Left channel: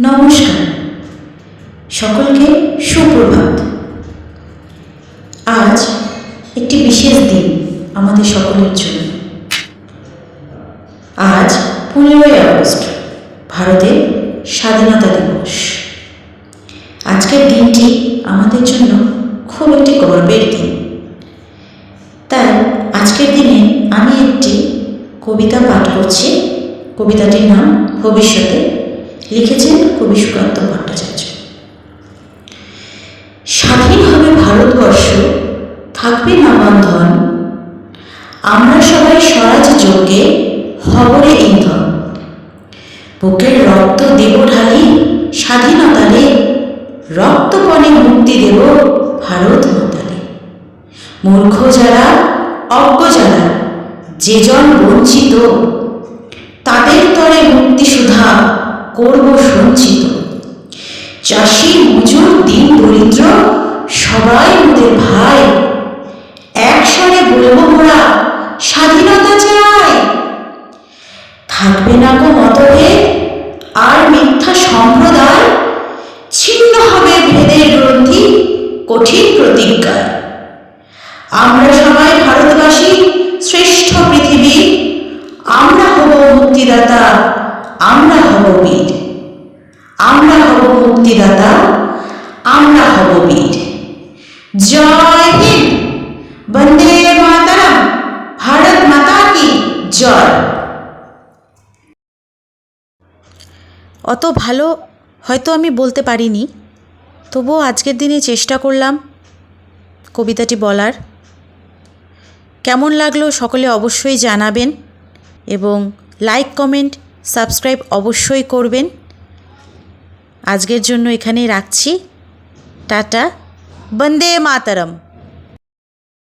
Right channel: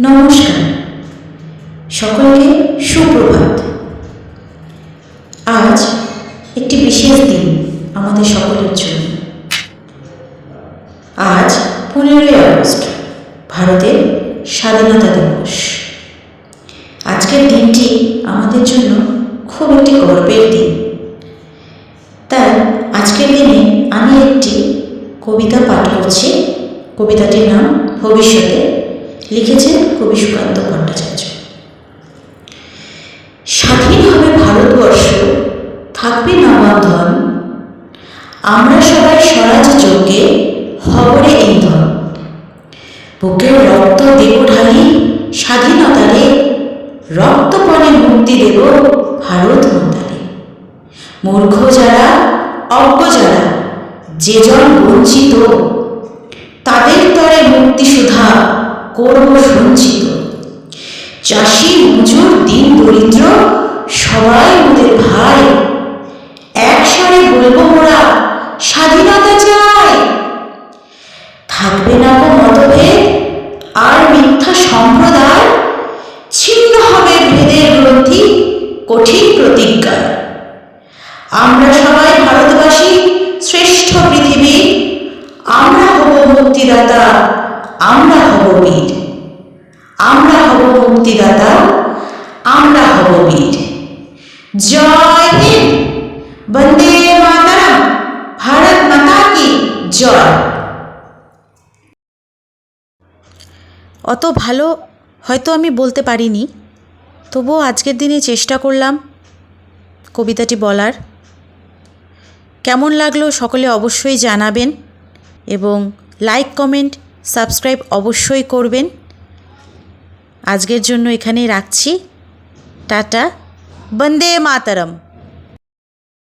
নমস্কার। সকলকে সুপ্রভাত। আজ একটি বিশেষ দিন আমাদের সকলের জন্য। আজ পনেরোই আগস্ট, ভারতের স্বাধীনতা দিবস। আজকের দিনটি আমাদের জন্য খুব একটি গর্বের দিন। তাই আজকের দিনে আমি একটি কবিতা পাঠ করছি। কবিতাটির নাম ভবিষ্যতে লিখেছেন কবি সুকান্ত ভট্টাচার্য। স্বাধীন হবে ভারতবর্ষ, থাকবে না আমরা সবাই স্বরাজ যজ্ঞে হবরে ইন্ধন। বুকের রক্ত দেব ঢালি, স্বাধীনতারে রক্তপণে মুক্তি দেব ভারত মাতারে। মূর্খ যারা, অজ্ঞ যারা, যে জন বঞ্চিত করব সঞ্চিত। চাষি মজুর, দিন দরিদ্র, সবাই মোদের ভাই। একস্বরে বলব মোরা, স্বাধীনতা চাই। থাকবে না কো মতভেদ, আর মিথ্যা সম্প্রদায়। ছিন্ন হবে ভেদের গ্রন্থি, কঠিন প্রতিজ্ঞায়। আমরা সবাই ভারতবাসী, শ্রেষ্ঠ পৃথিবী। আমরা হব মুক্তিদাতা। আমরা হব বীর। আমরা হব মুক্তিদাতা, আমরা হব বীর। জয় হিন্দ! বন্দে মাতারাম! ভারত মাতা কি জয়! অত ভালো হয়তো আমি বলতে পারিনি, তবুও আজকের দিনে চেষ্টা করলাম কবিতাটি বলার। কেমন লাগল সকলে অবশ্যই জানাবেন এবং লাইক কমেন্ট সাবস্ক্রাইব অবশ্যই করবেন। আজকের জন্য এখানেই রাখছি। টাটা। বন্দে মাতারম।